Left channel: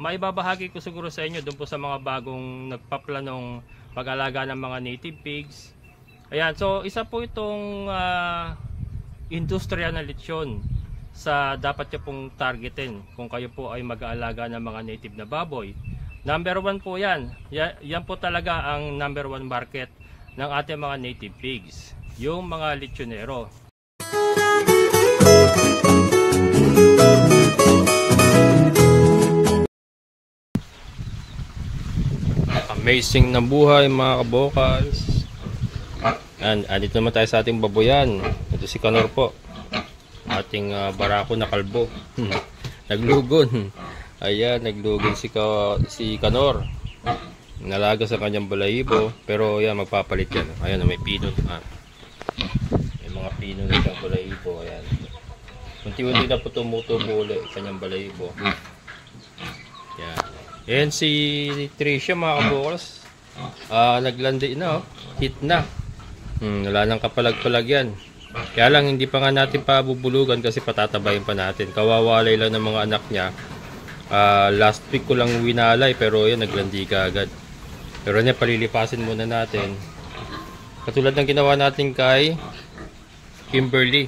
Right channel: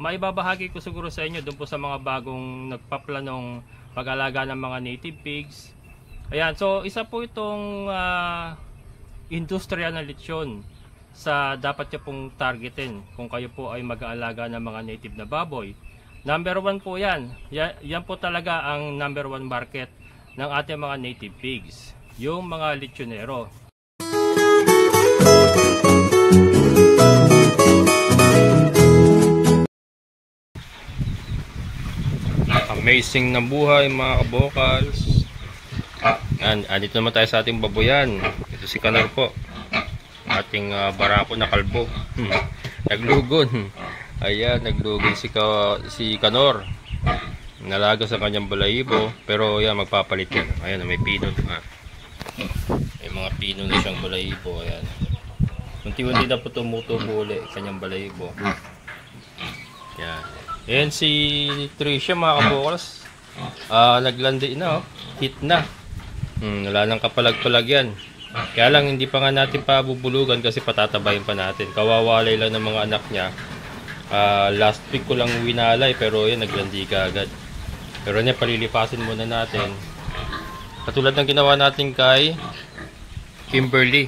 maibabahagi ko siguro sa inyo doon po sa mga bagong nagpaplanong pag-alaga ng mga native pigs. Ayan, so isa po itong industriya na lechon sa dapat nyo pong targetin kung kayo po ay mag-aalaga ng mga native na baboy. Number 1 po yan. Yan po talaga ang number 1 market ng ating mga native pigs, yung mga lechonero. Amazing na buhay mga kabokals. Andito naman tayo sa ating baboyan. Ito si Kanor po, ating barako na kalbo. Naglugon. Ayan, naglugon si Kanor. Nalaga sa kanyang balahibo, pero yan, magpapalit yan. Ayan, may pino. May mga pino na siyang balahibo. Ayan, unti-unti na po tumutubo ulit kanyang balahibo. Yan. Ayan si Tricia mga kabokals. Naglandi na, hit na. Wala nang kapalag-palag yan. Kaya lang hindi pa nga natin pabubulugan kasi patatabayin pa natin. Kawawalay lang ng mga anak niya. Last week ko lang winalay, pero yan, naglandi ka agad. Pero yan, palilipasin muna natin. Katulad ng ginawa natin kay Kimberly.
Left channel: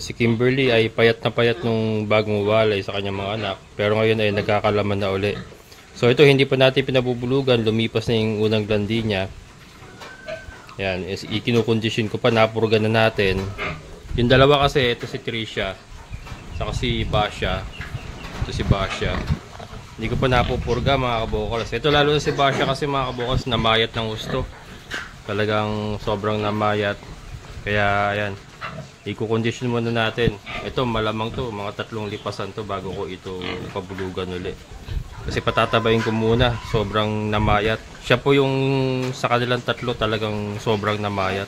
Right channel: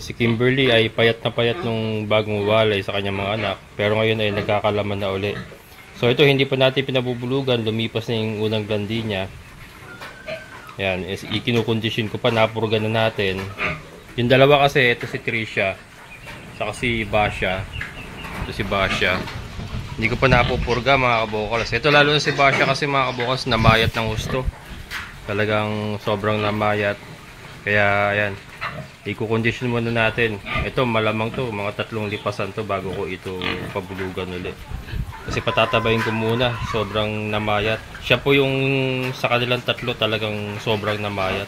Si Kimberly ay payat na payat nung bagong walay sa kanyang mga anak, pero ngayon ay nagkakalaman na uli. So ito, hindi pa natin pinabubulugan, lumipas na yung unang landi niya. Yan, ikinukondisyon ko pa, napurgan na natin. Yung dalawa kasi, ito si Tricia, saka si Basha. Ito si Basha. Hindi ko pa napupurga mga kabokals. Ito lalo na si Basha kasi mga kabokals, namayat ng gusto. Talagang sobrang namayat. Kaya ayan, ikukondisyon muna natin. Ito malamang to, mga 3 lipasan to bago ko ito pabulugan ulit. Kasi patatabayin ko muna, sobrang namayat. Siya po yung sa kanilang 3 talagang sobrang namayat.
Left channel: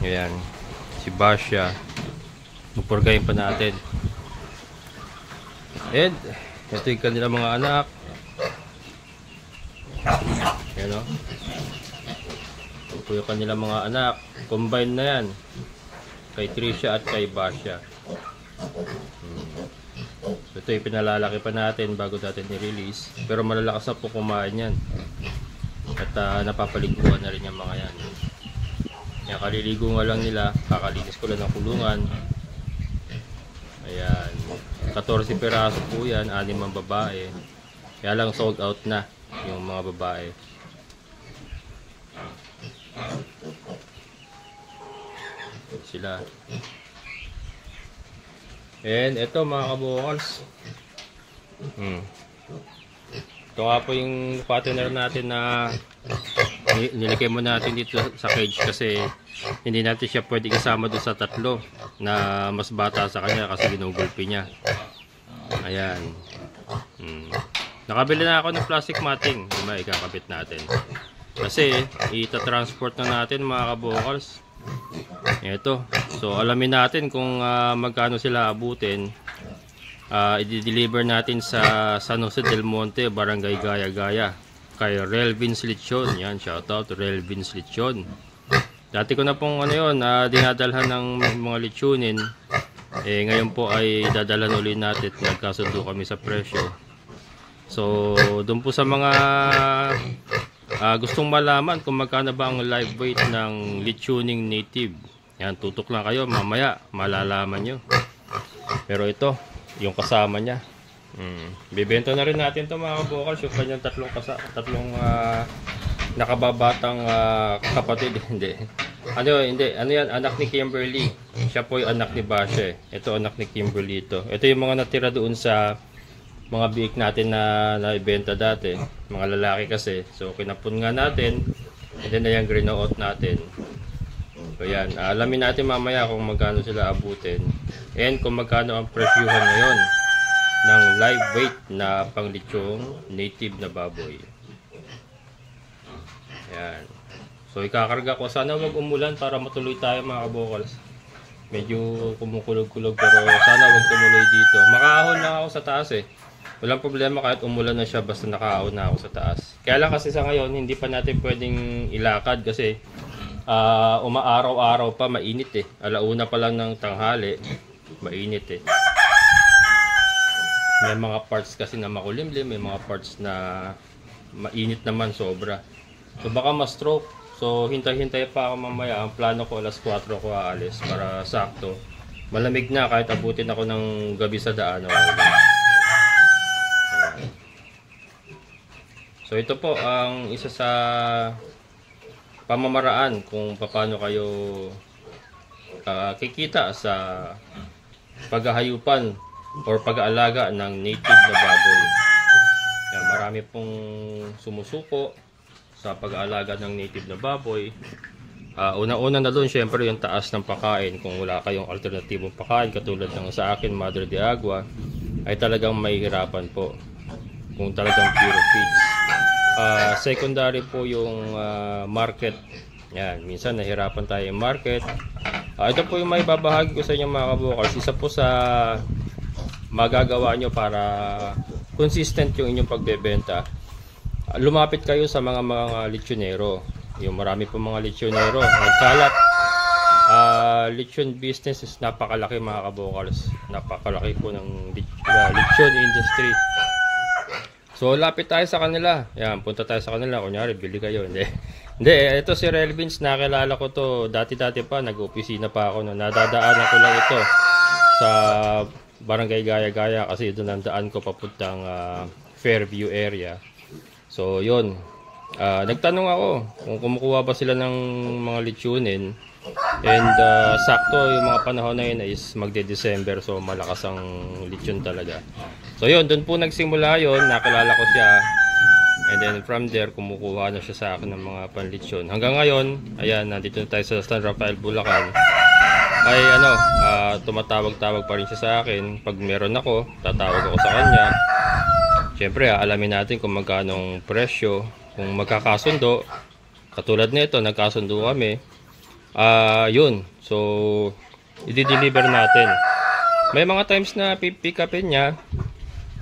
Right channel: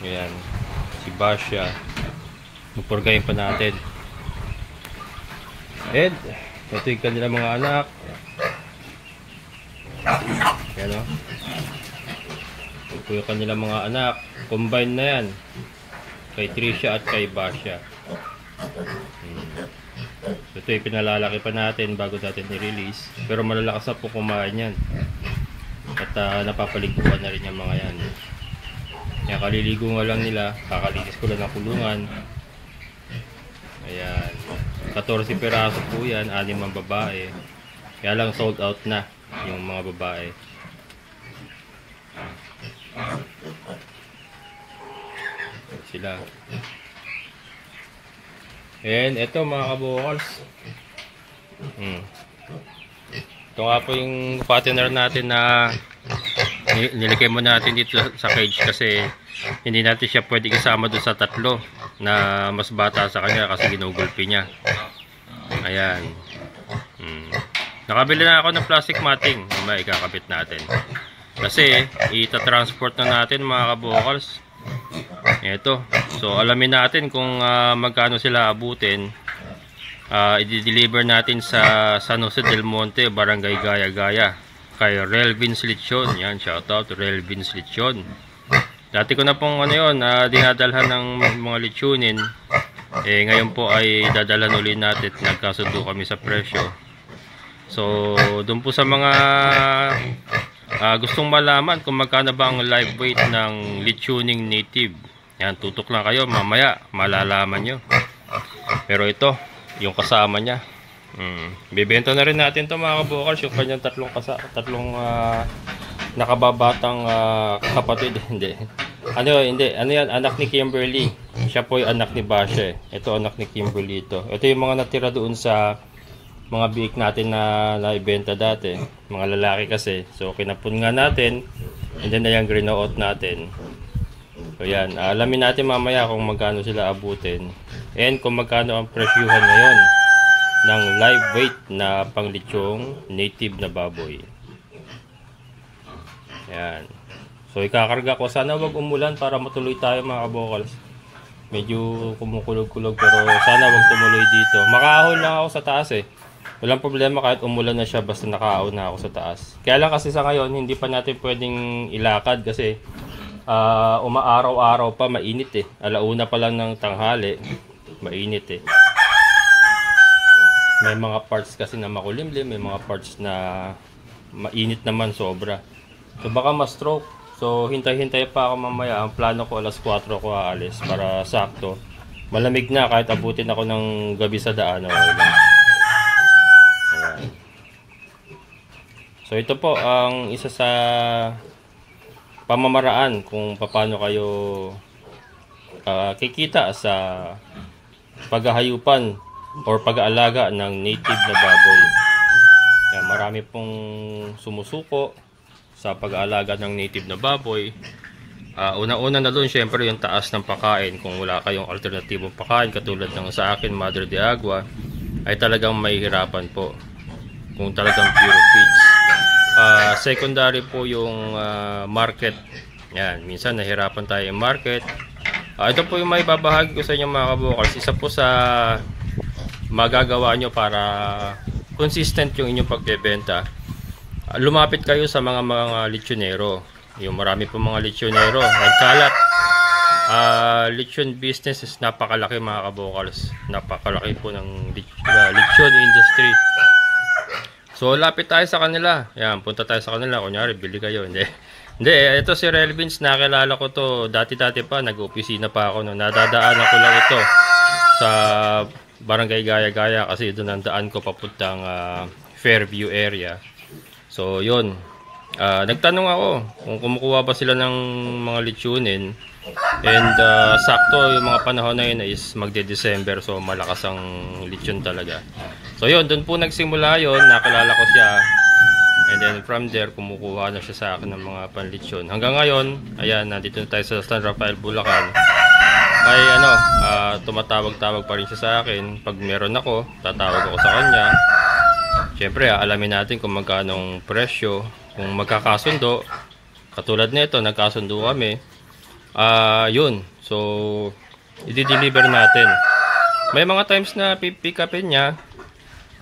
Ayan, si Basha. Pupurgayin pa natin. And ito yung kanilang mga anak. Ayan o. Ito yung kanilang mga anak. Combine na yan. Kay Tricia at kay Basha. So, ito yung pinalalaki pa natin bago natin i-release. Pero malalakas na po kumain yan. At napapaliguan na rin yung mga yan. Yan, kaliligo nga lang nila. Kakalinis ko lang ng kulungan. Ayan. 14 piraso po yan. 6 ang babae. Kaya lang sold out na yung mga babae. Sila. And ito mga kabokals. Ito nga po yung fattener natin na nilagay mo natin dito sa cage kasi hindi natin siya pwede isama doon sa 3 na mas bata sa kanya kasi ginugulpi niya. Ayan. Nakabili na ako ng plastic matting. Ikakabit natin kasi ita-transport na natin mga kabokals. Ito. So alamin natin kung magkano sila abutin. I-deliver natin sa San Jose del Monte, Barangay Gaya-Gaya, kay Relvins Lechon. Yan, shoutout Relvins Lechon. Dati ko na pong dinadalhan ng mga lechonin. Ngayon po ay dadalhan ulit natin. Nagkasundo kami sa presyo. So doon po sa mga gustong malaman kung magkano ba ang live weight ng lechoning native, yan, tutok lang kayo, mamaya malalaman nyo. Pero ito yung kasama nya, bibenta na rin natin to mga kabokals, yung kanyang tatlong nakababatang kapatid. Hindi, ano yan, anak ni Kimberly. Siya po yung anak ni Basha. Ito anak ni Kimberly. Ito yung mga natira doon sa mga biik natin na naibenta dati, mga lalaki kasi. So kinapon nga natin, and then ayan, green-out natin. So yan, alamin natin mamaya kung magkano sila abutin and kung magkano ang presyuhan ngayon ng live weight na panglechong native na baboy. Yan. So ikakarga ko, sana wag umulan para matuloy tayo mga kabokals. Medyo kumukulog-kulog pero sana wag tumuloy dito. Makaahon lang ako sa taas eh. Walang problema kahit umulan na siya basta nakaahon na ako sa taas. Kaya lang kasi sa ngayon hindi pa natin pwedeng ilakad kasi umaaraw-araw pa, mainit eh. Alauna pa lang ng tanghali, mainit eh. May mga parts kasi na makulimlim, may mga parts na mainit naman sobra. So baka ma-stroke. So hintay-hintay pa ako mamaya. Ang plano ko alas 4 ko aalis para sakto. Malamig na kahit abutin ako ng gabi sa daan. Ayan. So ito po ang isa sa pamamaraan kung paano kayo kikita sa paghahayupan or pag-aalaga ng native na baboy. Yan, marami pong sumusuko sa pag-aalaga ng native na baboy. Una-una na doon syempre yung taas ng pagkain. Kung wala kayong alternatibong pagkain katulad ng sa akin Madre de Agua, ay talagang mahihirapan po kung talagang pure feeds. Secondary po yung market. Yan, minsan nahirapan tayo yung market. Ito po yung may babahagi ko sa inyo mga kabukals. Isa po sa magagawa nyo para consistent yung inyong pagbebenta. Lumapit kayo sa mga lechonero. Yung marami po mga lechonero nagkalat. Lechon business is napakalaki mga kabukals. Napakalaki po ng lechon industry. So lapit tayo sa kanila. Yan, punta tayo sa kanila. Kunyari, bili kayo. Hindi, ito si Relvins, nakilala ko to. Dati-dati pa, nag-opisina pa ako. No? Nadadaanan ko lang ito sa Barangay Gaya-Gaya kasi doon ang daan ko papuntang Fairview area. So, yun. Nagtanong ako kung kumukuha ba sila ng mga lechonin. And sakto yung mga panahon na yun is magde-December. So, malakas ang lechon talaga. So, yun. Doon po nagsimula yun. Nakilala ko siya. And then from there, kumukuha na siya sa akin ng mga panlechon. Hanggang ngayon, ayan, nandito na tayo sa San Rafael, Bulacan. Ay tumatawag-tawag pa rin siya sa akin. Pag meron ako, tatawag ako sa kanya. Siyempre, alamin natin kung magkano presyo. Kung magkakasundo, katulad nito, nagkasundo kami. Yun. So, i-deliver natin. May mga times na pipick upin niya.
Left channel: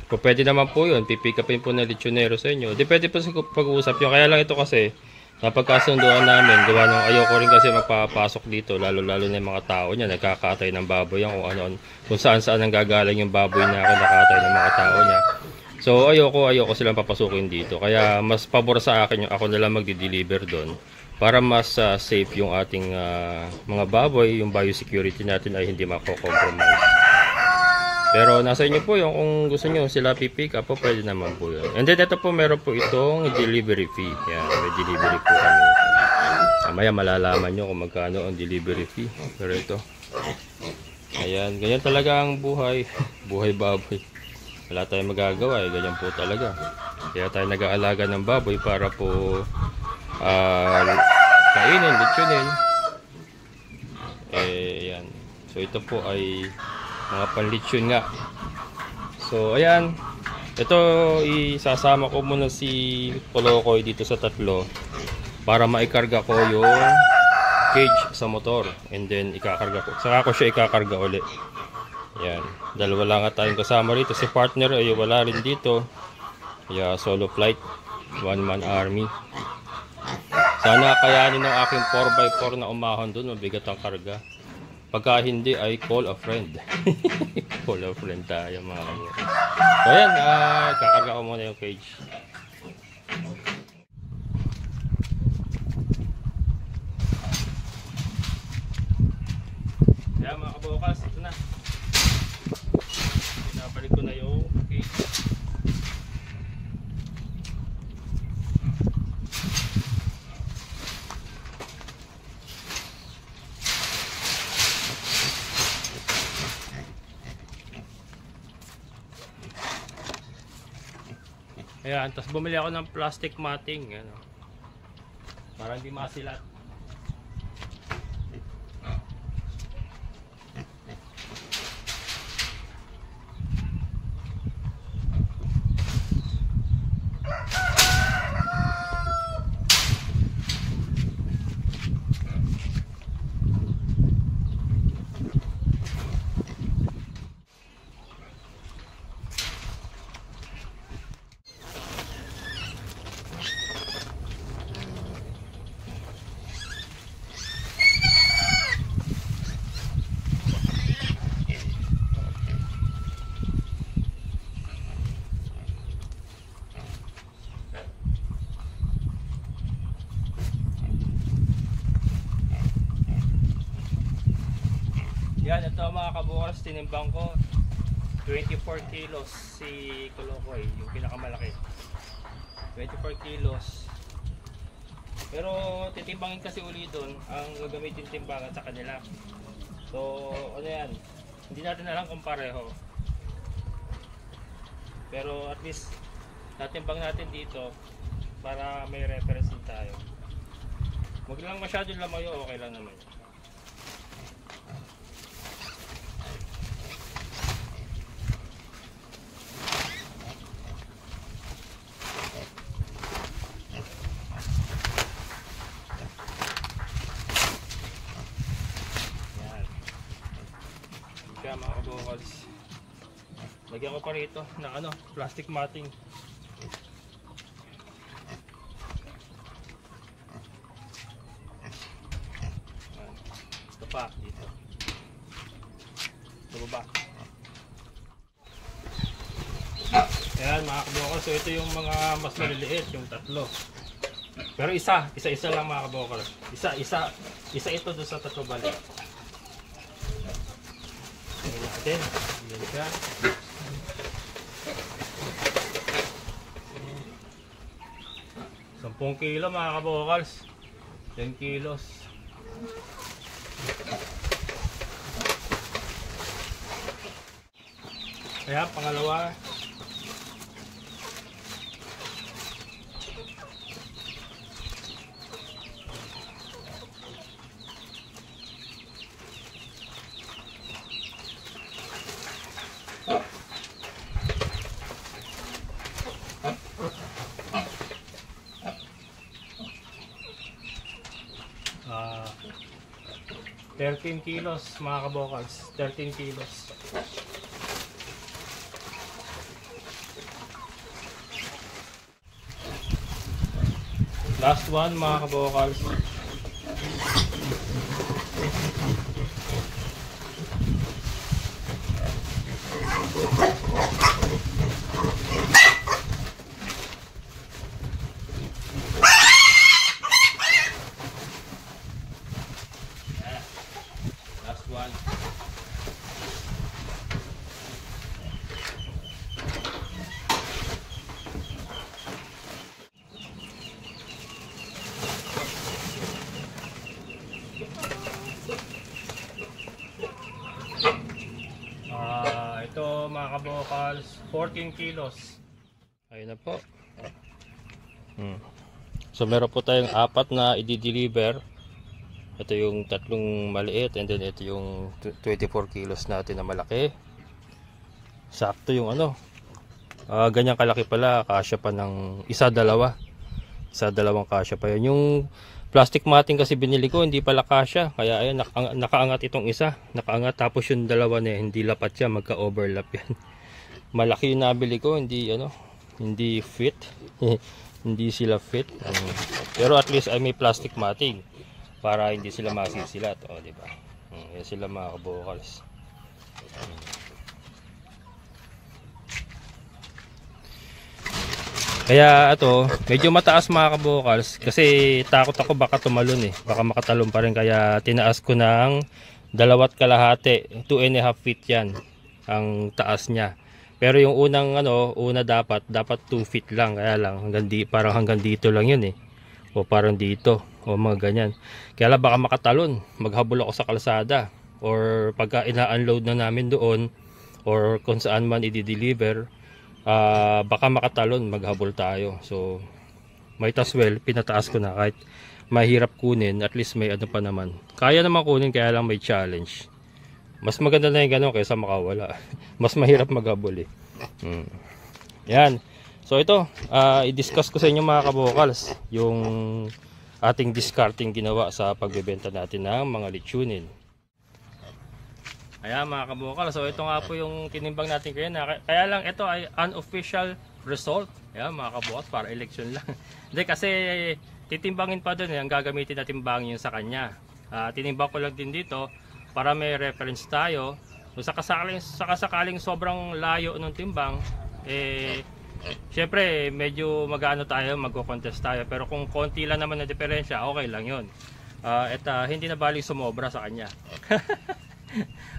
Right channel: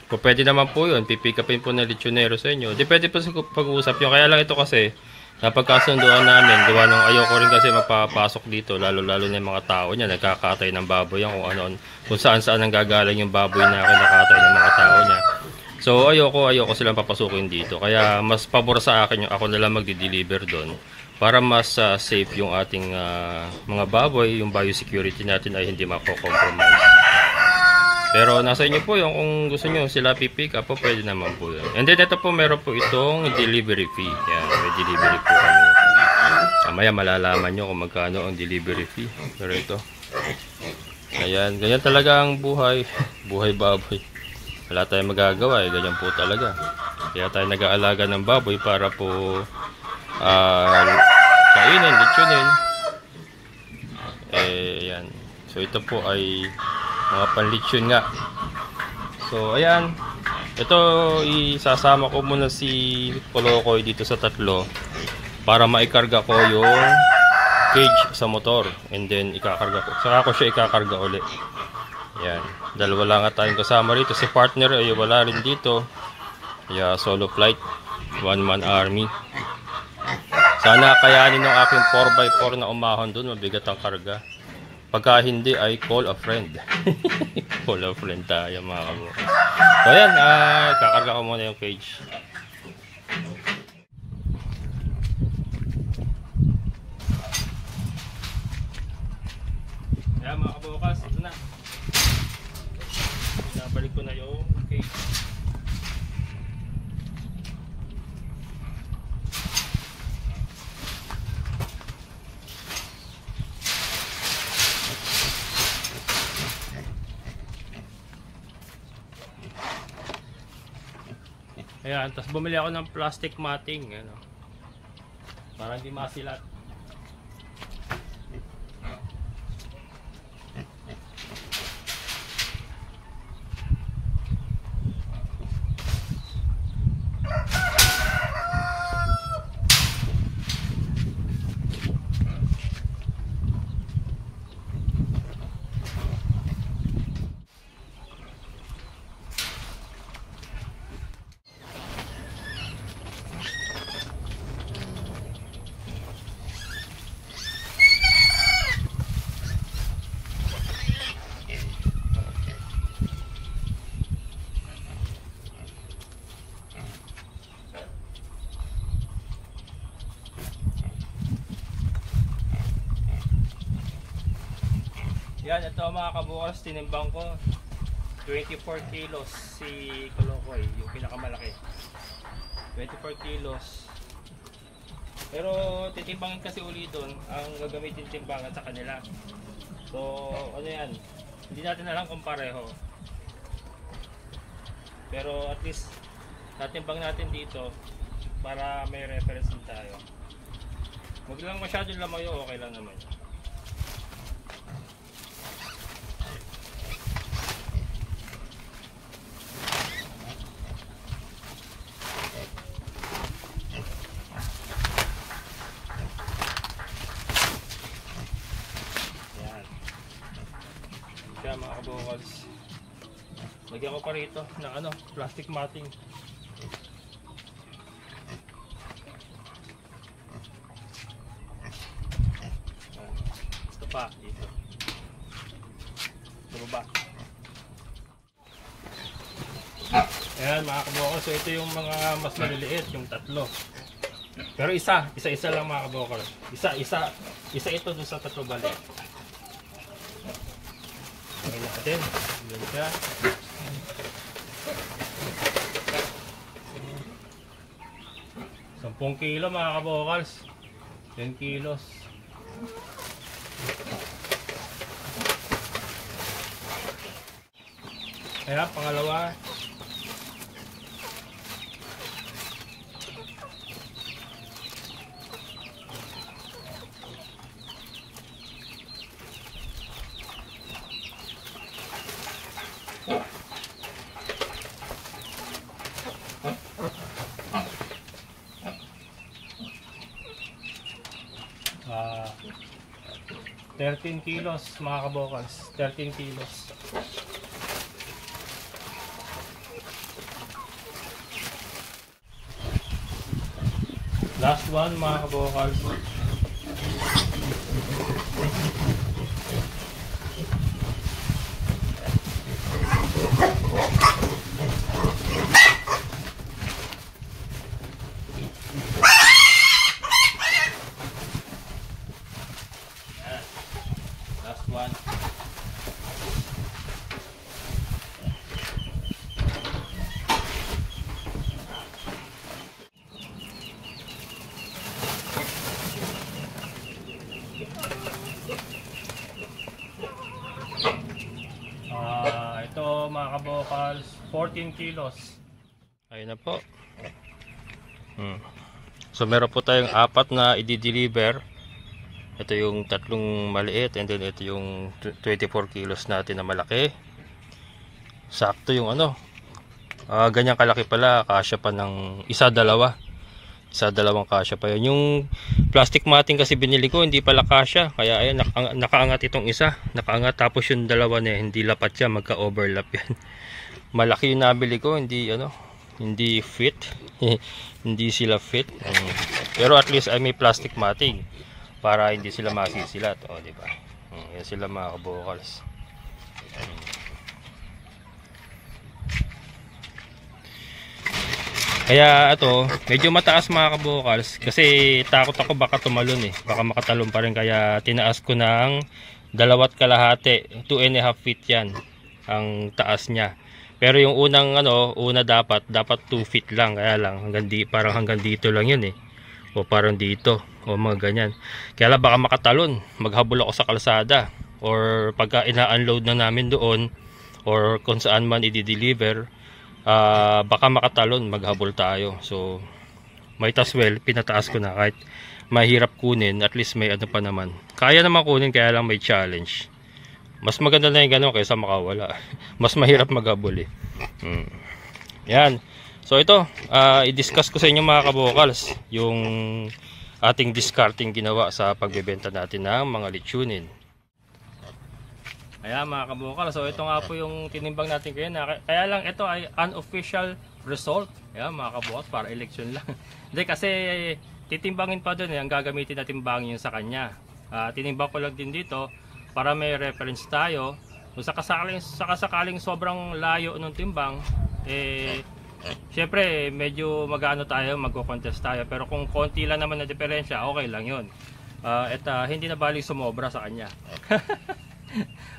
Pwede naman po yun. Pipick upin po na lechonero sa inyo. Depende po sa pag-uusap nyo. Kaya lang ito kasi, napagkasunduan namin. Gawa nung ayoko rin kasi magpapasok dito. Lalo-lalo na yung mga tao niya. Nagkakatay ng baboy yan. Kung saan-saan ang gagaling yung baboy na nakatay ng mga tao niya. So, ayoko silang papasukin dito. Kaya, mas pabor sa akin yung ako nalang magdi-deliver doon. Para mas safe yung ating mga baboy. Yung biosecurity natin ay hindi mako-compromise. Pero nasa inyo po yung kung gusto nyo sila pipick up po, pwede naman po yun. And then ito po meron po itong delivery fee. Yan, may delivery po kami. Mamaya malalaman nyo kung magkano ang delivery fee. Pero ito. Ayan, ganyan talaga ang buhay. Buhay baboy. Wala tayong magagawa eh, ganyan po talaga. Kaya tayo nag-aalaga ng baboy para po kainin, lechonin. Yan. So ito po ay mga panlechon nga. So ayan, ito isasama ko muna si Polokoy dito sa tatlo para maikarga ko yung cage sa motor, and then ikakarga ko, saka ko siya ikakarga uli. Ayan, dalawa lang nga tayong kasama rito. Si partner ay wala rin dito. Kaya solo flight, one man army. Sana kayanin ng aking 4x4 na umahon dun, mabigat ang karga. Pagka hindi ay call a friend. Call a friend tayo mga kamo. So ayan, kakarga ko muna yung cage. Yan mga kabukas, ito na. Pinabalik ko na yung cage. Ayan, tapos bumili ako ng plastic matting, ano, para hindi masilat. Yan, ito mga kabukas, tinimbang ko 24 kilos si Kolokoy, yung pinakamalaki. 24 kilos. Pero titimbangin kasi uli doon ang gagamitin timbangan sa kanila. So ano yan, hindi natin alam kung pareho. Pero at least natimbang natin dito para may reference din tayo. Huwag lang masyadong lamayo, okay lang naman. Mga kabukals, lagyan ko pa rito ng plastic matting. Ito pa dito sa baba. Ayan mga kabukals, so ito yung mga mas maliliit, yung tatlo. Pero isa lang mga kabukals. Isa ito doon sa tatlo balik. Ngayon natin, yan siya. 10 kilo mga kabokals, 10 kilos. Kaya pangalawa, uh, 13 kilos mga kabokals, 13 kilos. Last one mga kabokals. Last one. Ito mga kabokals, 14 kilos. Ayun na po. So meron po tayong 4 na i-deliver. Ito yung tatlong maliit, and then ito yung 24 kilos natin na malaki. Sakto yung ganyan kalaki pala, kasya pa ng dalawang kasya pa yun. Yung plastic matting kasi binili ko, hindi pala kasya, kaya ayan, nakaangat itong isa, nakaangat, tapos yung dalawa na hindi lapat siya, magka-overlap yan. Malaki yung nabili ko, hindi fit. Hindi sila fit. Pero at least ay may plastic matting para hindi sila masisilat, di ba? Yan sila mga kabokals. Kaya ito, medyo mataas mga kabokals kasi takot ako baka tumalon baka makatalon pa rin, kaya tinaas ko ng 2.5, 2.5 feet yan ang taas niya. Pero yung una dapat 2 feet lang, kaya lang parang hanggang dito lang yun o parang dito o mga ganyan. Kaya lang baka makatalon, maghabol ako sa kalsada, or pagka ina-unload na namin doon or kung saan man i-deliver, baka makatalon, maghabol tayo. So might as well pinataas ko na, kahit mahirap kunin, at least may pa naman, kaya naman kunin, kaya lang may challenge. Mas maganda na yung gano'n kaysa makawala. Mas mahirap maghabol Yan. So ito, i-discuss ko sa inyo mga kabokals yung ating discarding ginawa sa pagbebenta natin ng mga lechonin. Ayan mga kabokals, so ito nga po yung tinimbang natin ngayon. Kaya lang ito ay unofficial result. Ayan mga kabokals, para election lang. Hindi, kasi titimbangin pa dun ang gagamitin na timbangin yung sa kanya. Tinimbang ko lang din dito para may reference tayo. Kung sakasakaling sobrang layo ng timbang, syempre medyo magko-contest tayo. Pero kung konti lang naman na diferensya, okay lang yun. Hindi na baling sumobra sa kanya.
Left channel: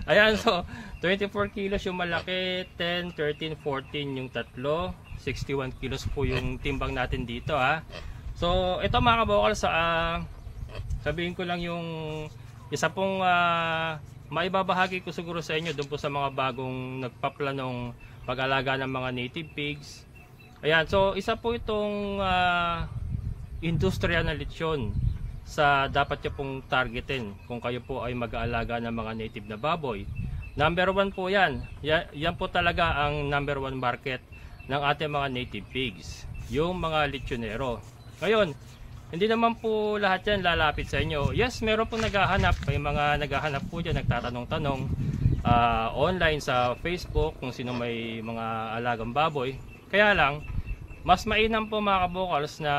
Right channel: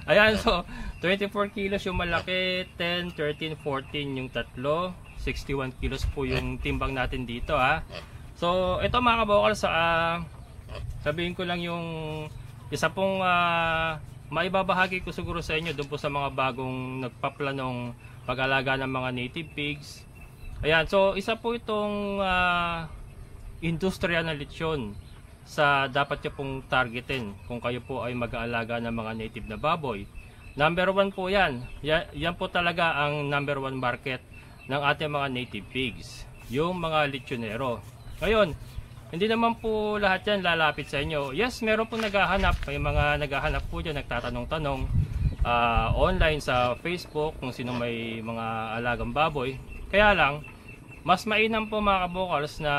Ayan, so 24 kilos yung malaki, 10, 13, 14 yung tatlo, 61 kilos po yung timbang natin dito ha. So ito mga kabokal, sabihin ko lang yung isa pong maibabahagi ko siguro sa inyo doon po sa mga bagong nagpaplanong pag-alaga ng mga native pigs. Ayan, so isa po itong industriya na lechon sa dapat nyo pong targetin kung kayo po ay mag-aalaga ng mga native na baboy. Number 1 po yan. Yan po talaga ang number 1 market ng ating mga native pigs, yung mga lechonero. Ngayon, hindi naman po lahat yan lalapit sa inyo. Yes, meron po naghahanap. May mga naghahanap po dyan, nagtatanong-tanong online sa Facebook kung sino may mga alagang baboy. Kaya lang, mas mainam po mga kabokals na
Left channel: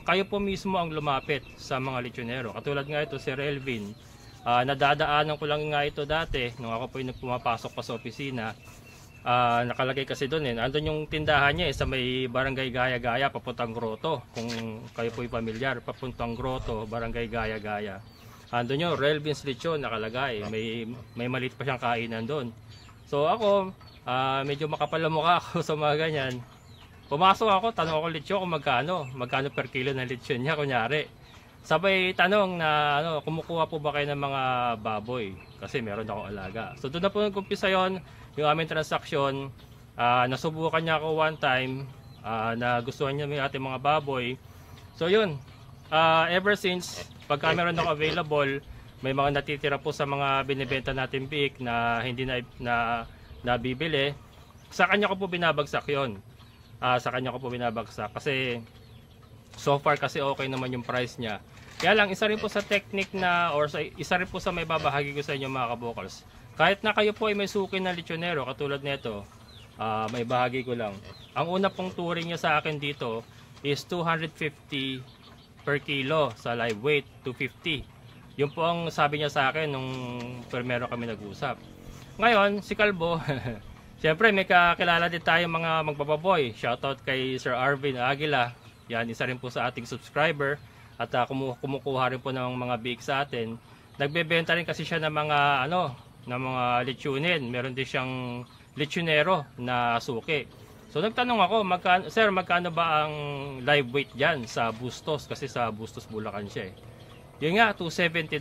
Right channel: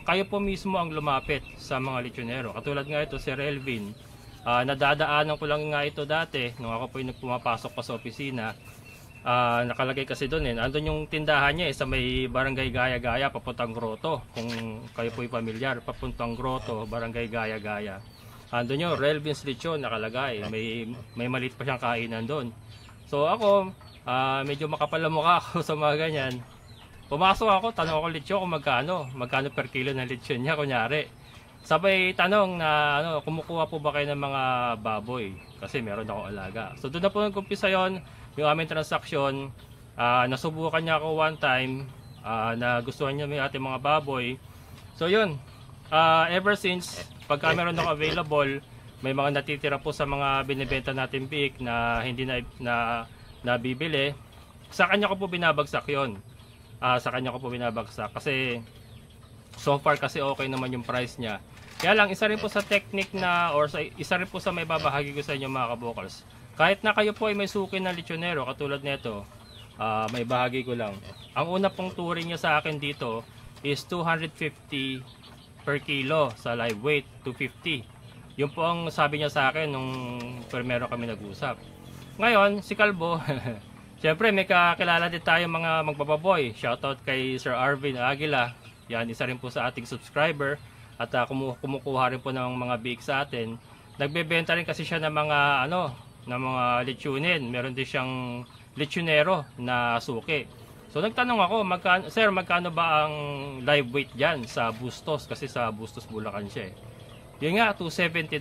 kayo po mismo ang lumapit sa mga lechonero. Katulad nga ito si Relvin. Nadadaanan ko lang nga ito dati nung ako po yung pumapasok pa sa opisina. Nakalagay kasi doon andun yung tindahan niya sa may Barangay Gaya-Gaya papuntang Grotto. Kung kayo po yung pamilyar, papuntang Grotto, Barangay Gaya-Gaya. Andun yung Relvin's Lechon nakalagay. May maliit pa siyang kainan doon. So ako, medyo makapal ang mukha ako sa mga ganyan. Pumasok ako, tanong ako lechon kung magkano per kilo ng lechon niya kunyari. Sabay tanong na kumukuha po ba kayo ng mga baboy? Kasi meron akong alaga. So doon na po nag-umpisa yon, yung aming transaksyon. Nasubukan niya ako one time, na gustuhan niya yung ating mga baboy. So yun, ever since, pagka meron ako available, may mga natitira po sa mga binibenta natin biik na hindi na nabibili. Sa kanya ko po binabagsak yon. Sa kanya ko po binabagsak kasi so far kasi okay naman yung price niya. Kaya lang isa rin po sa technique isa rin po sa may babahagi ko sa inyo mga kabokals. Kahit na kayo po ay may suki na lechonero katulad nito, may bahagi ko lang. Ang una pong turing niya sa akin dito is 250 per kilo sa live weight, 250. Yun po ang sabi niya sa akin nung primero kami nag-usap. Ngayon, si Kalbo siyempre may kakilala din tayo mga magbababoy. Shoutout kay Sir Arvin Aguila. Yan, isa rin po sa ating subscriber. At kumukuha rin po ng mga biik sa atin. Nagbebenta rin kasi siya ng mga mga lechonin. Meron din siyang lechonero na suki. So nagtanong ako, Sir, magkano ba ang live weight dyan sa Bustos? Kasi sa Bustos Bulacan siya Yun nga, 270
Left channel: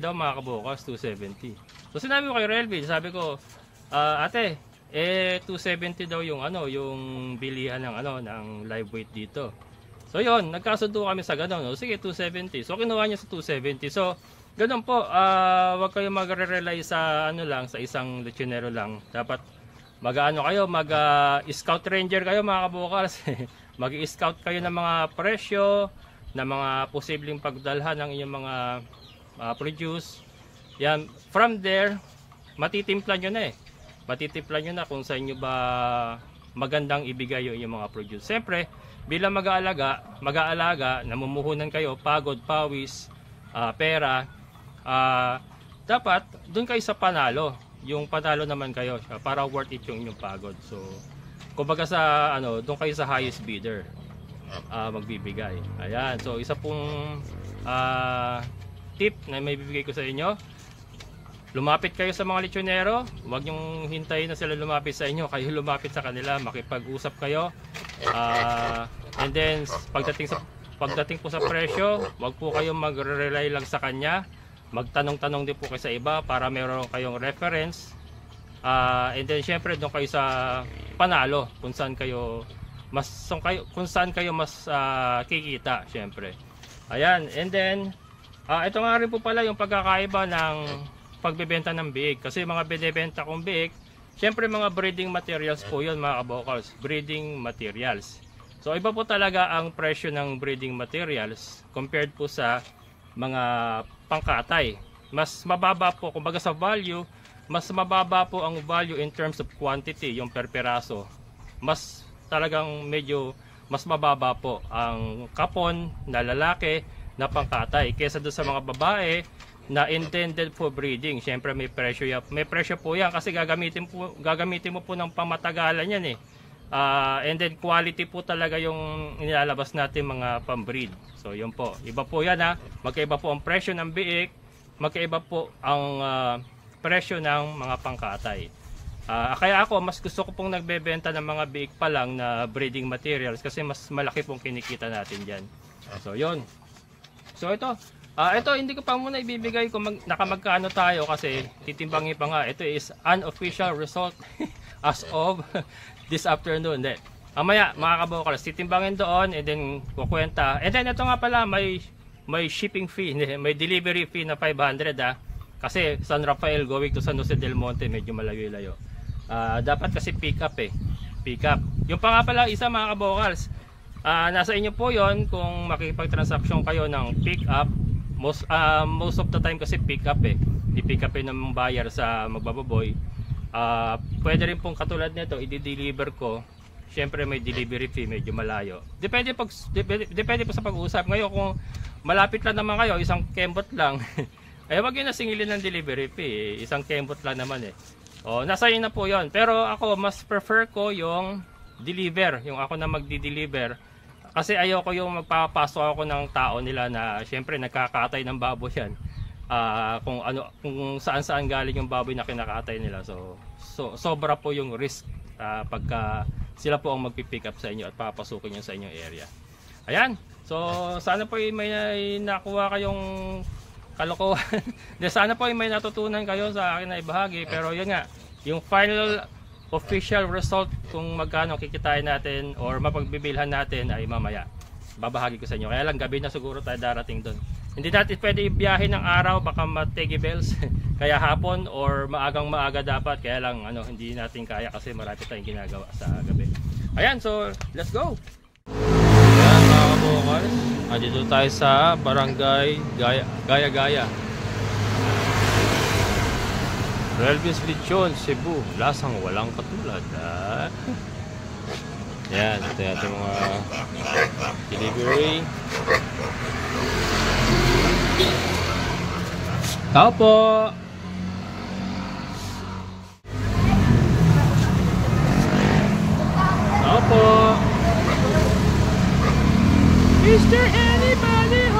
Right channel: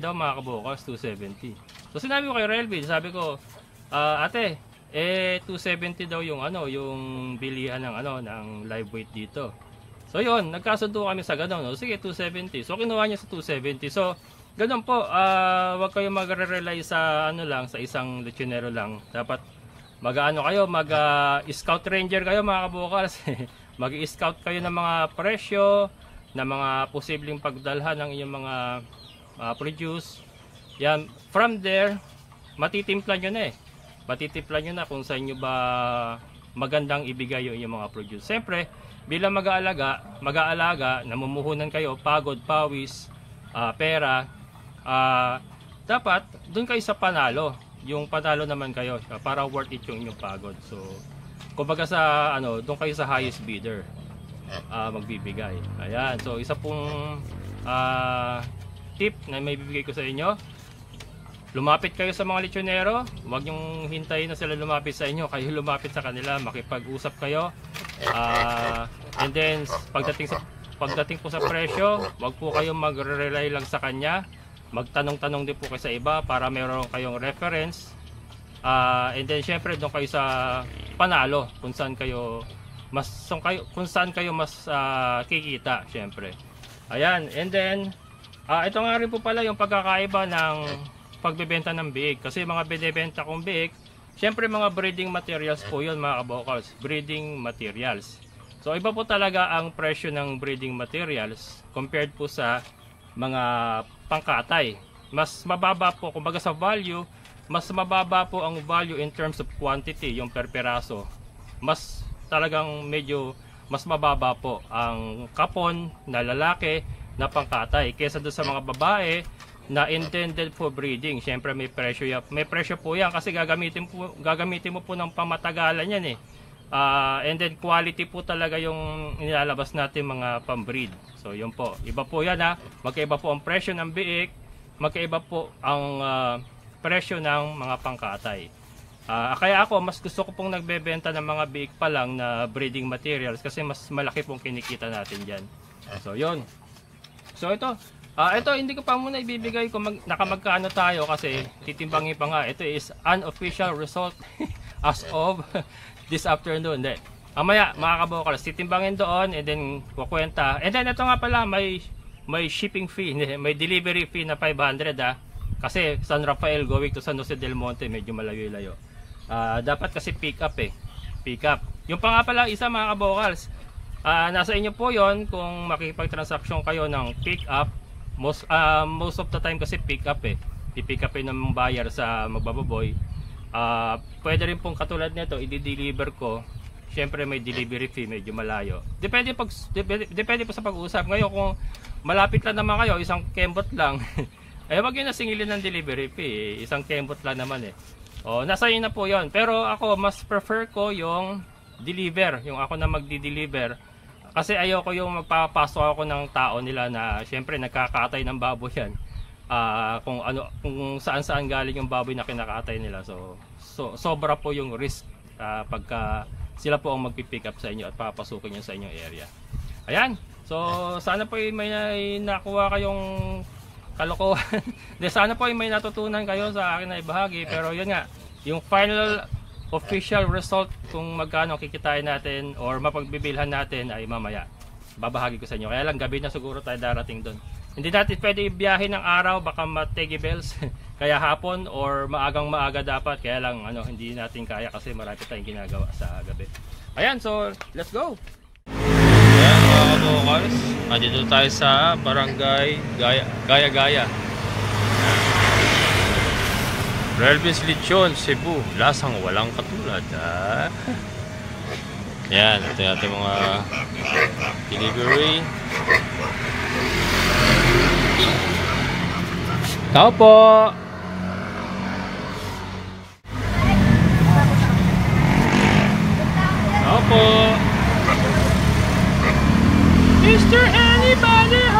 daw mga kabukas, 270. So sinabi ko kay Relvin, sabi ko, ate, 270 daw yung yung bilihan ng live weight dito. So yun, nagkasundo kami sa ganun. Sige, 270. So kinuha niya sa 270. So ganun po, wag kayo magre-rely sa sa isang lechonero lang. Dapat mag-scout ranger kayo mga kabukals. Mag-scout kayo ng mga presyo, ng mga posibleng pagdalhan ng iyong mga produce. Yan, from there, matitimpla nyo na matitimpla nyo na kung sa inyo ba magandang ibigay yung inyong mga produce. Siyempre, bilang mag-aalaga, namumuhunan kayo, pagod, pawis, pera, dapat doon kayo sa panalo. Yung panalo naman kayo para worth it yung inyong pagod. So, kumbaga doon kayo sa highest bidder magbibigay. Ayan, so isa pong tip na may bibigay ko sa inyo. Lumapit kayo sa mga lechonero, huwag nyong hintayin na sila lumapit sa inyo, kayo lumapit sa kanila, makipag-usap kayo. And then pagdating po sa presyo, huwag po kayong magre-rely lang sa kanya. Magtanong-tanong din po kayo sa iba para meron kayong reference. And then syempre doon kayo sa panalo kung saan kayo mas kikita syempre. Ayan, and then ito nga rin po pala yung pagkakaiba ng pagbebenta ng biik. Kasi mga binibenta kong biik, syempre mga breeding materials po yun mga kabokals, breeding materials. So iba po talaga ang presyo ng breeding materials compared po sa mga pangkatay. Mas mababa po, kumbaga sa value, mas mababa po ang value in terms of quantity, yung per peraso. Mas talagang medyo mas mababa po ang kapon na lalaki na pangkatay kaysa doon sa mga babae na intended for breeding. Siyempre may presyo po yan kasi gagamitin mo po ng pamatagalan yan and then quality po talaga yung nilalabas natin mga pambreed. So yun po, iba po yan magkaiba po ang presyo ng biik, magkaiba po ang presyo ng mga pangkatay. Kaya ako, mas gusto ko pong nagbebenta ng mga biik pa lang na breeding materials kasi mas malaki pong kinikita natin dyan. So, yun. So, ito. Ito, hindi ko pa muna ibibigay kung nakamagkano tayo kasi titimbangin pa nga. Ito is unofficial result as of this afternoon. Hindi. Mamaya, mga kabokals, titimbangin doon and then kukwenta. And then, ito nga pala, may shipping fee, may delivery fee na 500 kasi San Rafael going to San Jose del Monte, medyo malayo-layo. Dapat kasi pick up pick up. Yung pa nga pala isa mga kabokals, nasa inyo po yon kung makipag-transaction kayo ng pick up. Most of the time kasi pick up i-pick up ng buyer sa magbababoy. Pwede rin pong katulad nito, i-deliver ko. Siyempre may delivery fee, medyo malayo. Depende po sa pag-usap. Ngayon kung malapit lang naman kayo, isang kembot lang. Wag yun na singilin ng delivery fee. Isang kembot lang naman nasa inyo na po yon. Pero ako, mas prefer ko yung deliver. Yung ako na magdi-deliver. Kasi ayoko yung magpapasok ako ng tao nila na siyempre nagkakatay ng baboy yan. Kung saan galing yung baboy na kinakatay nila. So sobra po yung risk pagka sila po ang magpipick up sa inyo at papasukin nyo sa inyong area. Ayan. So sana po may nakuha kayong kalokohan. Sana po may natutunan kayo sa akin na ibahagi. Pero yun nga, yung final official result kung magkano kikitain natin or mapagbibilhan natin ay mamaya. Babahagi ko sa inyo. Kaya lang gabi na siguro tayo darating doon. Hindi natin pwede ibiyahe ng araw, baka mategi bells. Kaya hapon or maaga dapat. Kaya lang hindi natin kaya kasi marami tayong ginagawa sa gabi. Ayan, so let's go! Ayan mga kabokals, dito tayo sa barangay Gaya-Gaya. Relvis Lechon, Cebu, lasang walang katulad. Yan, ito yung ating mga delivery. Tao po! Tao po! Is there anybody home?